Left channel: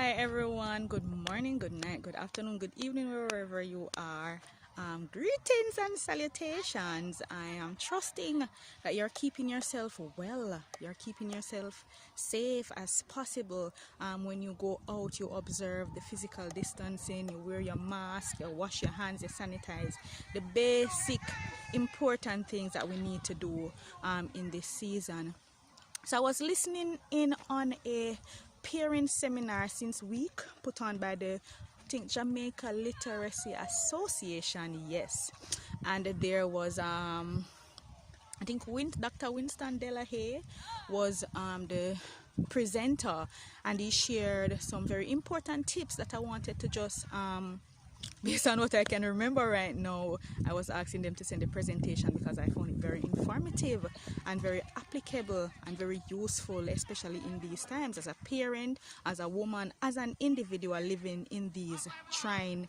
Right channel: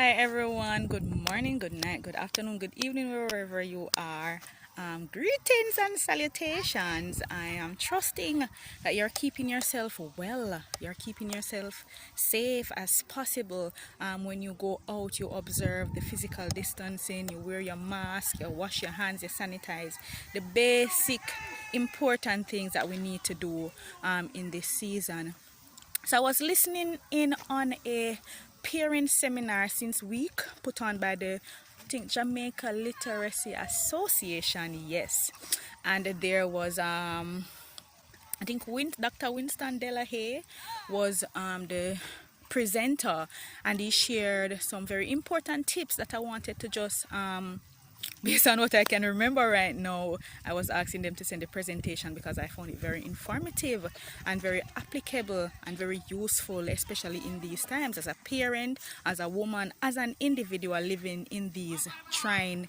Hi everyone, good morning, good night, good afternoon, good evening, wherever you are. Greetings and salutations. I am trusting that you're keeping yourself well, you're keeping yourself safe as possible. When you go out, you observe the physical distancing, you wear your mask, you wash your hands, you sanitize. The basic important things that we need to do in this season. So I was listening in on a parent seminar since week put on by the Jamaica Literacy Association, yes. And there was I think Dr. Winston Delahaye was the presenter, and he shared some very important tips that I wanted to just based on what I can remember right now. I was asking them to send a presentation because I found it very informative and very applicable and very useful, especially in these times as a parent, as a woman, as an individual living in these trying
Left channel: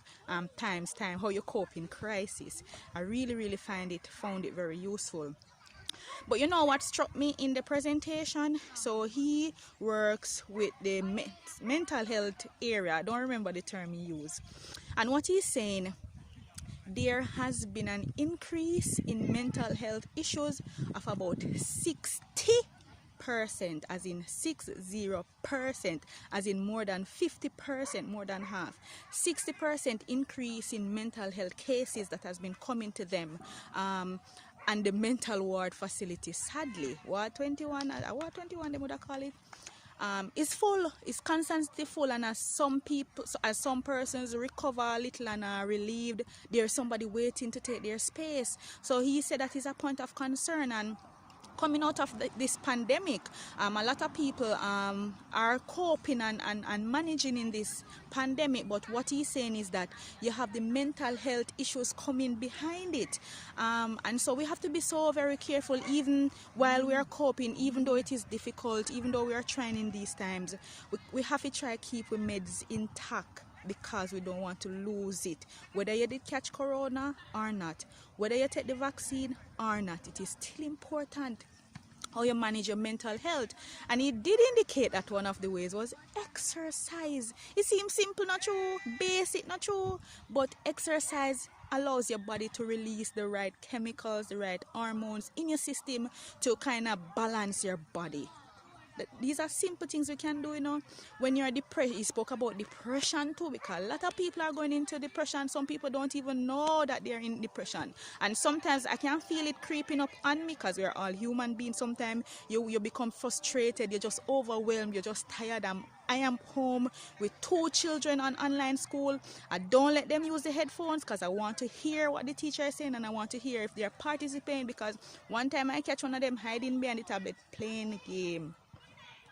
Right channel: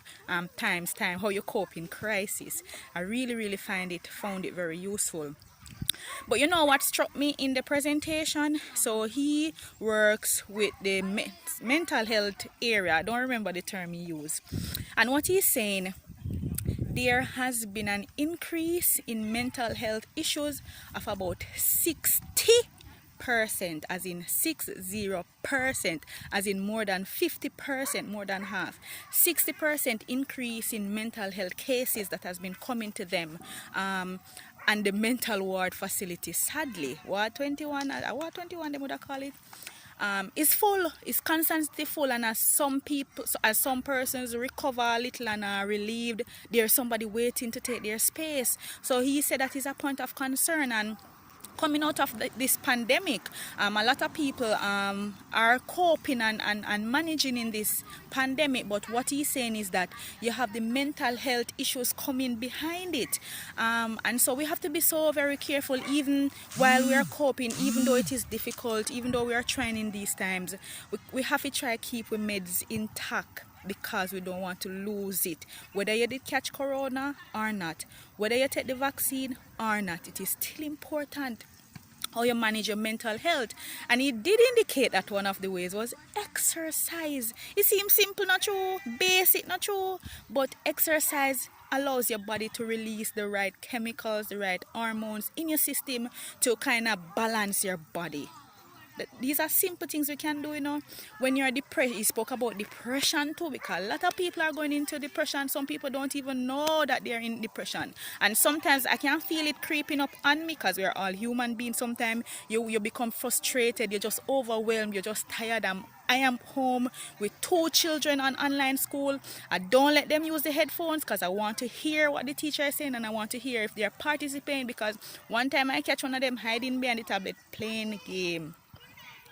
time, how you cope in crisis. I really found it very useful. But you know what struck me in the presentation? So he works with the mental health area. I don't remember the term he used. And what he's saying, there has been an increase in mental health issues of about 60%, as in 60%, as in more than 50%, more than half. 60% increase in mental health cases that has been coming to them. And the mental ward facility, sadly, Ward 21, Ward 21 they would call it, is full, is constantly full, and as some persons recover a little and are relieved, there's somebody waiting to take their space. So he said that is a point of concern. And coming out of this pandemic, a lot of people are coping and managing in this pandemic. But what he's saying is that you have the mental health issues coming behind it. And so we have to be so very careful, even while we are coping, even though it is difficult, even though we are trying in these times. We have to try to keep our meds intact, because we don't want to lose it. Whether you did catch corona or not, whether you take the vaccine or not, it is still important how you manage your mental health. And he did indicate that one of the ways was exercise. It seems simple, not true, basic, not true, but exercise allows your body to release the right chemicals, the right hormones in your system to kind of balance your body. These are simple things we can do, when you're depressed. He spoke about depression too, because a lot of people are going into depression. Some people don't even know that they're in depression, and sometimes I can feel it creeping up on me, because we're all human beings. Sometimes you become frustrated, you're just overwhelmed, you're just tired. I am home with 2 children on online school. I don't let them use the headphones because I want to hear what the teacher is saying, and I want to hear if they're participating, because one time I catch one of them hiding behind the tablet playing the game.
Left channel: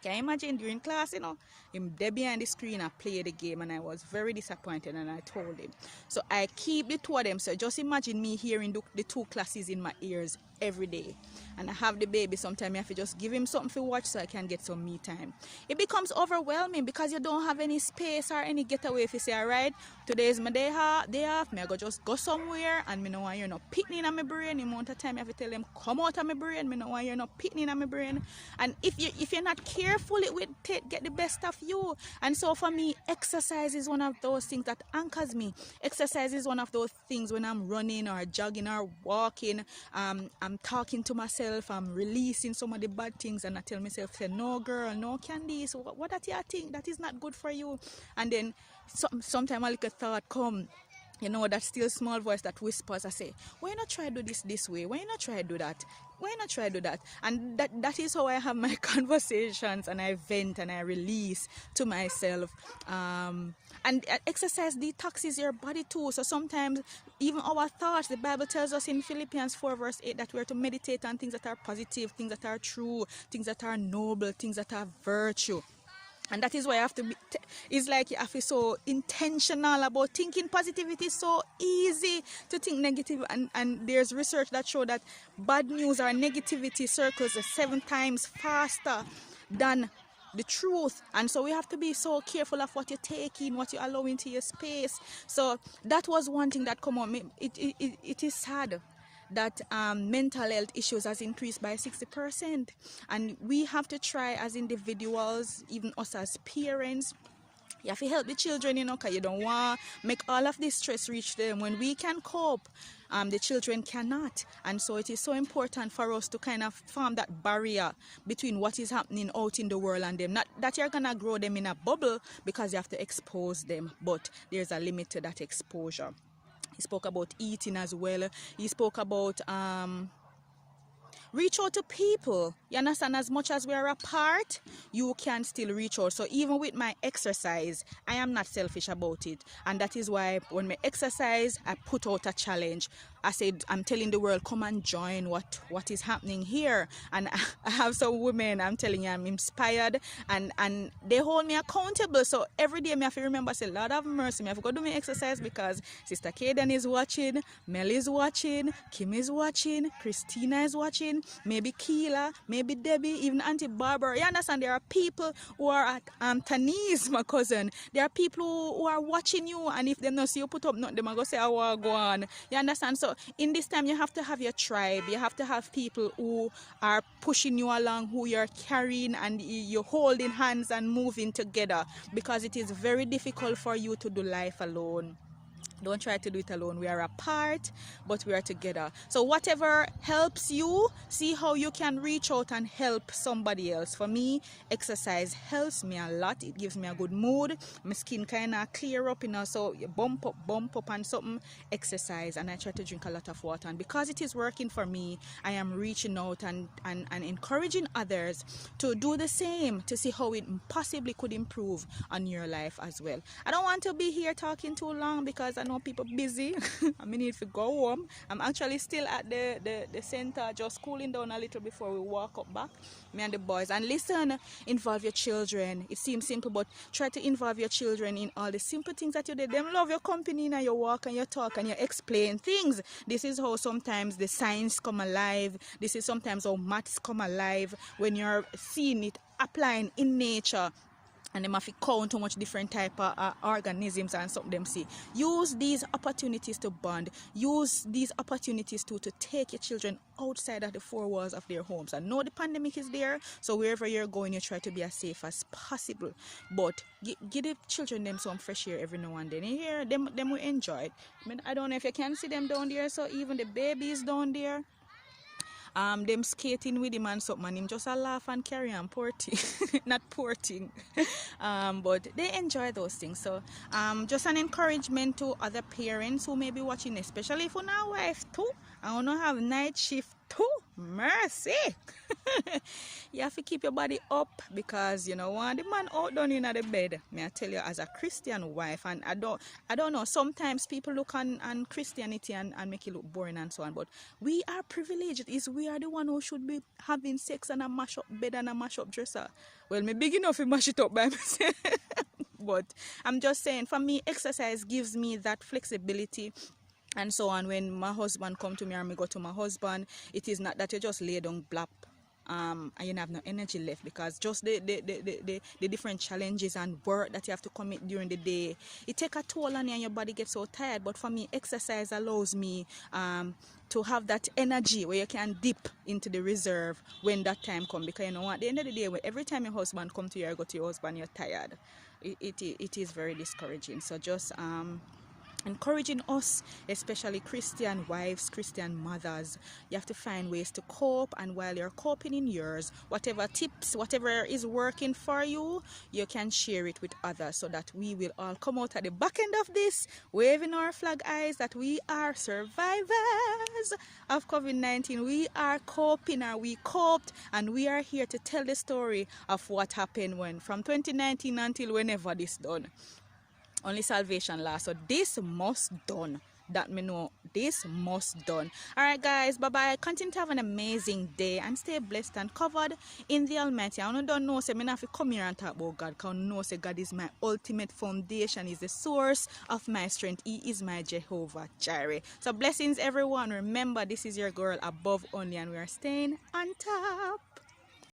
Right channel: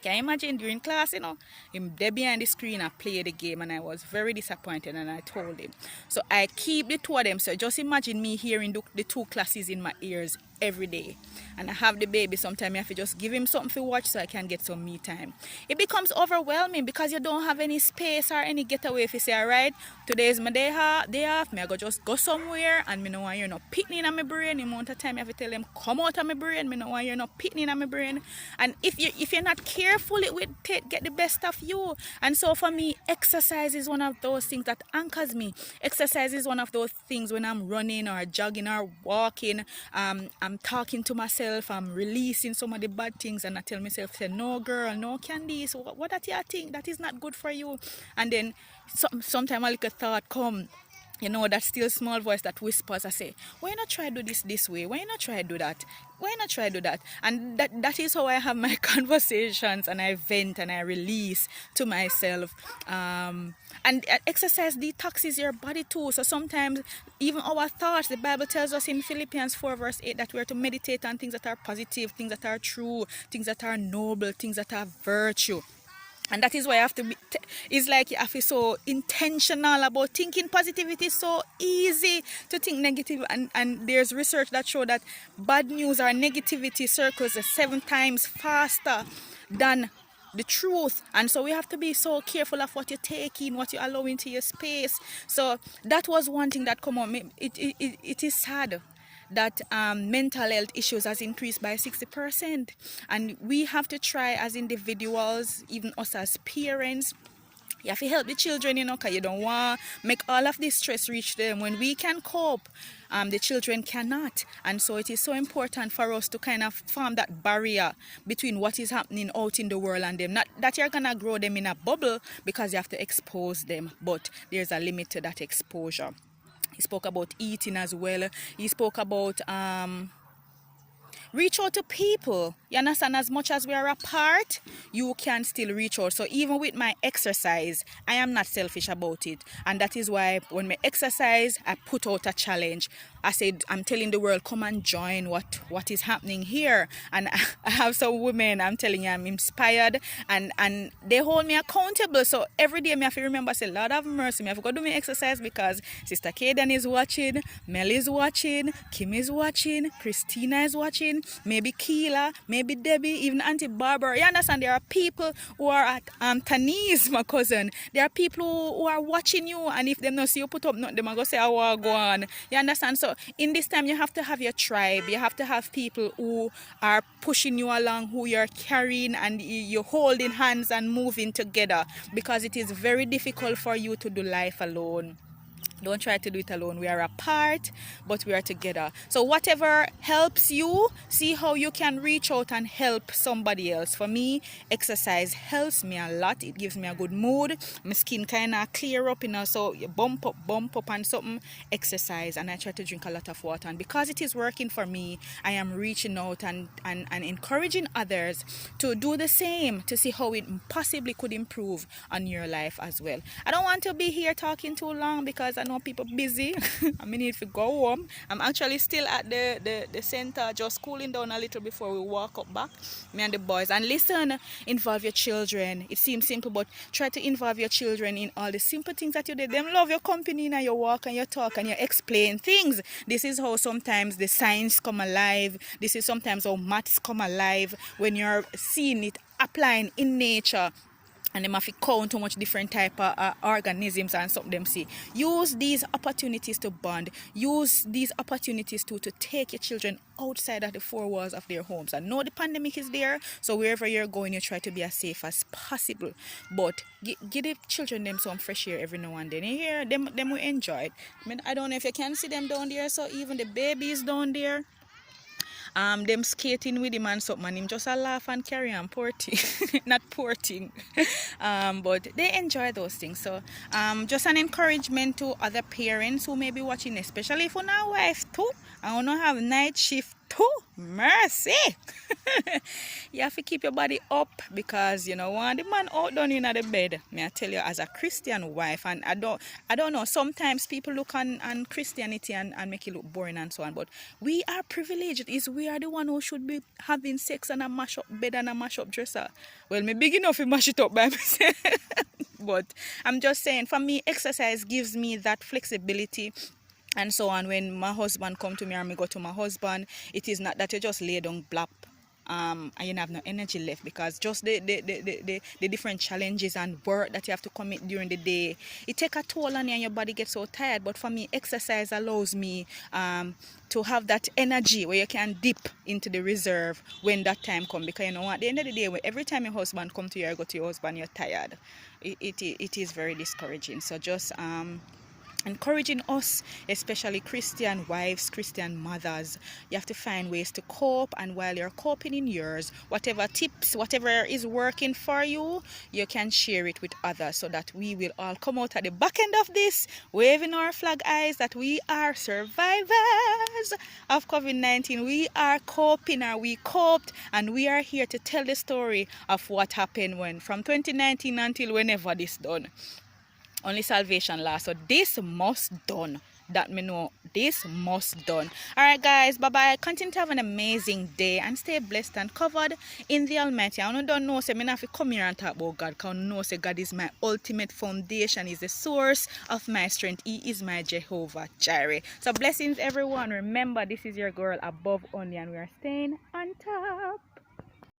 Can you imagine during class, him there behind the screen, I play the game, and I was very disappointed, and I told him. So I keep the 2 of them. So just imagine me hearing the 2 classes in my ears every day. And I have the baby, sometimes I have to just give him something to watch so I can get some me time. It becomes overwhelming because you don't have any space or any getaway. If you say, all right, today is my day off, me I go just go somewhere, and me know why you're not picking in my brain. The amount of time I have to tell them, come out of my brain, me know why you're not picking in my brain. And if you're not careful, it will get the best of you. And so for me, exercise is one of those things that anchors me. Exercise is one of those things when I'm running or jogging or walking, I'm talking to myself, I'm releasing some of the bad things, and I tell myself, say, no girl, no Candice, what that you think, that is not good for you. And then sometimes a little thought come, that still small voice that whispers. I say, why not try do this way? Why not try do that? Why not try do that? And that is how I have my conversations, and I vent and I release to myself. And exercise detoxes your body too. So sometimes even our thoughts, the Bible tells us in Philippians 4 verse 8 that we are to meditate on things that are positive, things that are true, things that are noble, things that are virtue. And that is why I have to be, it's like you have to be so intentional about thinking positivity. It's so easy to think negative, and there's research that show that bad news or negativity circles 7 times faster than the truth. And so we have to be so careful of what you take in, what you allow into your space. So that was one thing that come on. It is sad that mental health issues has increased by 60%, and we have to try as individuals, even us as parents, You have to help the children, you know, because you don't want to make all of this stress reach them. When we can cope, the children cannot. And so it is so important for us to kind of form that barrier between what is happening out in the world and them. Not that you're going to grow them in a bubble, because you have to expose them, but there's a limit to that exposure. He spoke about eating as well. He spoke about reach out to people. You understand? As much as we are apart, you can still reach out. So even with my exercise, I am not selfish about it. And that is why when I exercise, I put out a challenge. I said, I'm telling the world, come and join what is happening here. And I have some women, I'm telling you, I'm inspired, and they hold me accountable. So every day I have to remember, say, Lord have mercy, I have to do my exercise, because Sister Kaden is watching, Mel is watching, Kim is watching, Christina is watching, maybe Keela, maybe Debbie, even Auntie Barbara. You understand? There are people who are at Tanise, my cousin. There are people who are watching you, and if they don't see you put up nothing, they go say, I want to go on. You understand? So in this time, you have to have your tribe. You have to have people who are pushing you along, who you're carrying, and you're holding hands and moving together, because it is very difficult for you to do life alone. Don't try to do it alone. We are apart, but we are together. So whatever helps you, see how you can reach out and help somebody else. For me, exercise helps me a lot. It gives me a good mood. My skin kind of clear up, you know. So you bump up and something, exercise. And I try to drink a lot of water. And because it is working for me, I am reaching out and encouraging others to do the same, to see how it possibly could improve on your life as well. I don't want to be here talking too long, because I know people busy. I mean, if you go home, I'm actually still at the center, just cooling down a little before we walk up back, me and the boys. And listen, involve your children. It seems simple, but try to involve your children in all the simple things that you do. Them love your company and your walk and your talk and you explain things. This is how sometimes the science come alive. This is sometimes how maths come alive, when you're seeing it applying in nature. And them have to count how much different type of organisms and something them see. Use these opportunities to bond. Use these opportunities to take your children outside of the four walls of their homes. I know the pandemic is there, so wherever you're going, you try to be as safe as possible. But give the children them some fresh air every now and then. You hear them will enjoy it. I mean, I don't know if you can see them down there, so even the babies down there, them skating with him and something, and him just a laugh and carry on, poor thing. Not poor thing. But they enjoy those things. So just an encouragement to other parents who may be watching, especially for now wife too. I want to have night shift too. Mercy. You have to keep your body up, because you know when the man out down in the bed. May I tell you, as a Christian wife, and I don't know, sometimes people look on Christianity and make it look boring and so on, but we are privileged. We are the one who should be having sex on a mash up bed and a mash up dresser. Well, me big enough to mash it up by myself. But I'm just saying, for me, exercise gives me that flexibility and so on. When my husband come to me or me go to my husband, it is not that you just lay down blap and you have no energy left, because just the different challenges and work that you have to commit during the day, it take a toll on you and your body gets so tired. But for me, exercise allows me to have that energy where you can dip into the reserve when that time comes, because you know what, at the end of the day, every time your husband come to you or go to your husband, you're tired. It is very discouraging. So just encouraging us, especially Christian wives, Christian mothers, you have to find ways to cope. And while you're coping in yours, whatever tips, whatever is working for you, you can share it with others, so that we will all come out at the back end of this waving our flag eyes that we are survivors of COVID-19. We are coping, or we coped, and we are here to tell the story of what happened when from 2019 until whenever this done. Only salvation lasts. So this must done. That me know, this must done. Alright guys, bye bye. Continue to have an amazing day and stay blessed and covered in the Almighty. I don't know, say, I have to come here and talk about God, because I know, say, God is my ultimate foundation, is the source of my strength. He is my Jehovah Jireh. So blessings everyone. Remember, this is your girl Above Only, and we are staying on top.